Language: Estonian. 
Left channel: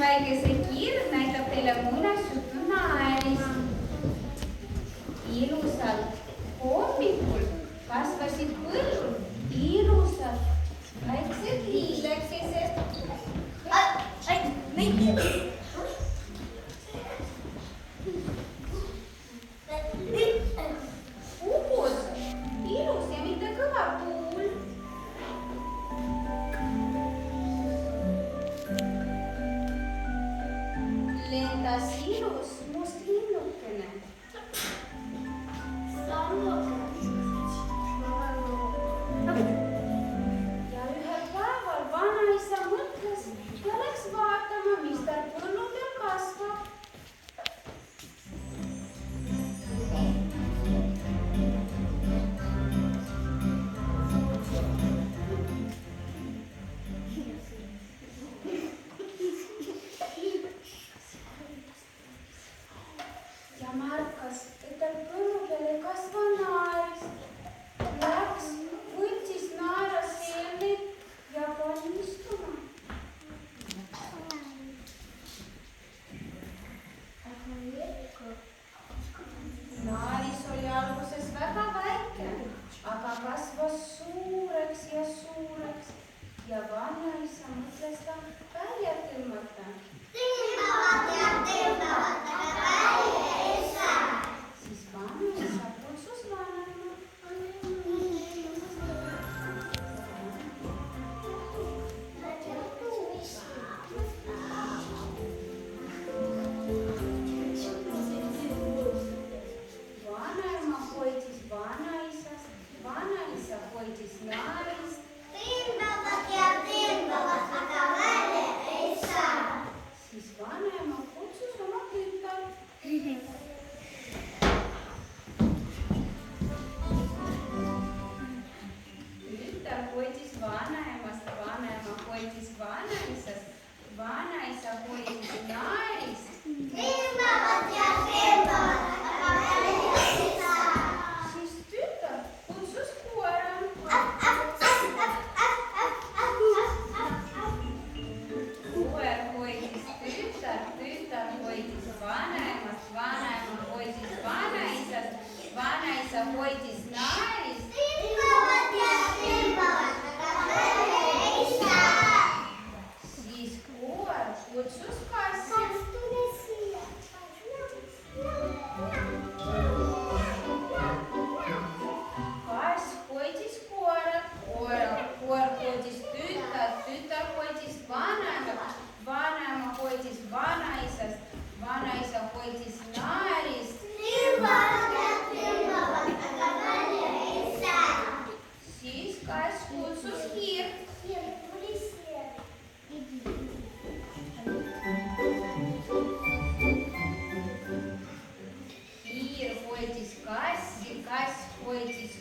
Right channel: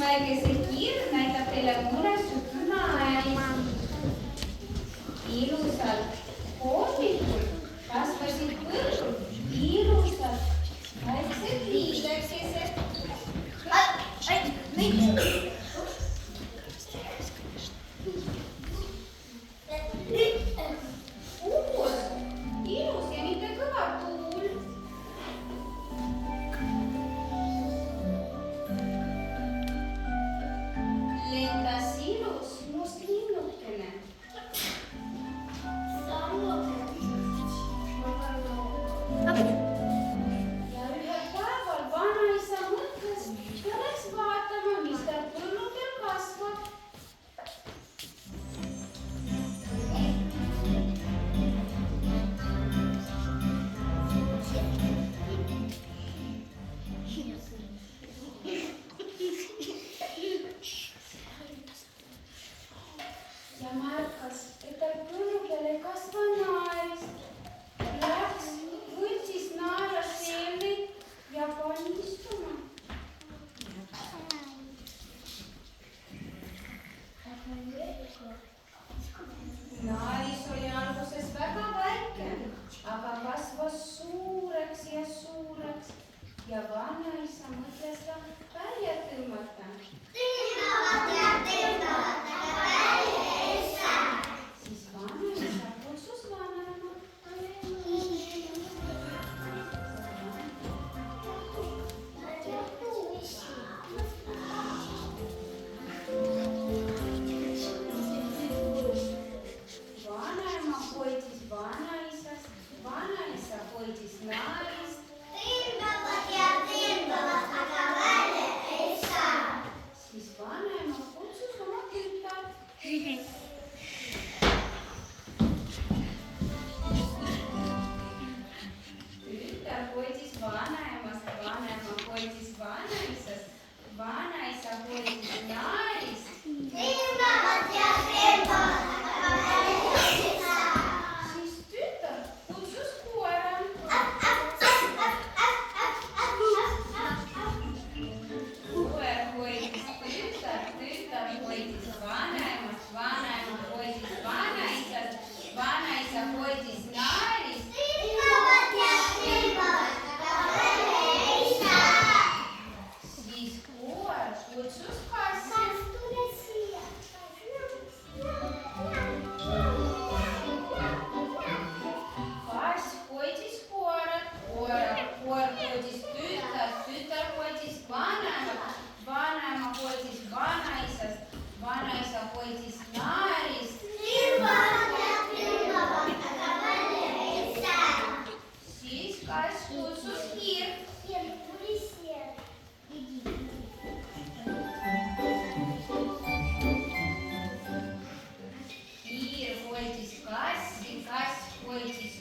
Väikese kiir näitab teile muinasjutu naerist. Ilusalt hommikul kasvasid põllul ilusad väiksed liivekesed. Puhus ilus ja mitte kõva tuul. Lendas ilus must linnukene. Ja ühel päeval vanaisa mõtles ja läks vaatama, mis tal põlludel kasvab. Ja märkas, et tal põlludel ei kasva naerist. Läks, võttis naeraseemneid ja pani istuma. Naaris oli alguses väga väike, aga kasvas suureks ja suureks ja vanaisa mõtles ta välja tõmmata. Siis vanaisa kutsus vanaema. Vanaema hoidis vanaisast, vanaisa hoidis naarist. Siis vanaema kutsus oma tütart. Tütar hoidis vanaemast, vanaema hoidis vanaisast, vanaisa hoidis naarist. Siis tütar kutsus koera. Koer hoidis tütart, tütar hoidis vanaemast, vanaema hoidis vanaisast, vanaisa hoidis naarist. Siis koer kutsus kassi. Kass hoidis koera, koer hoidis tütart, tütar hoidis vanaemat, vanaema hoidis vanaisast, vanaisa hoidis naarist. Siis kass kutsus hiirt. Hiir hoidis kassi, kass hoidis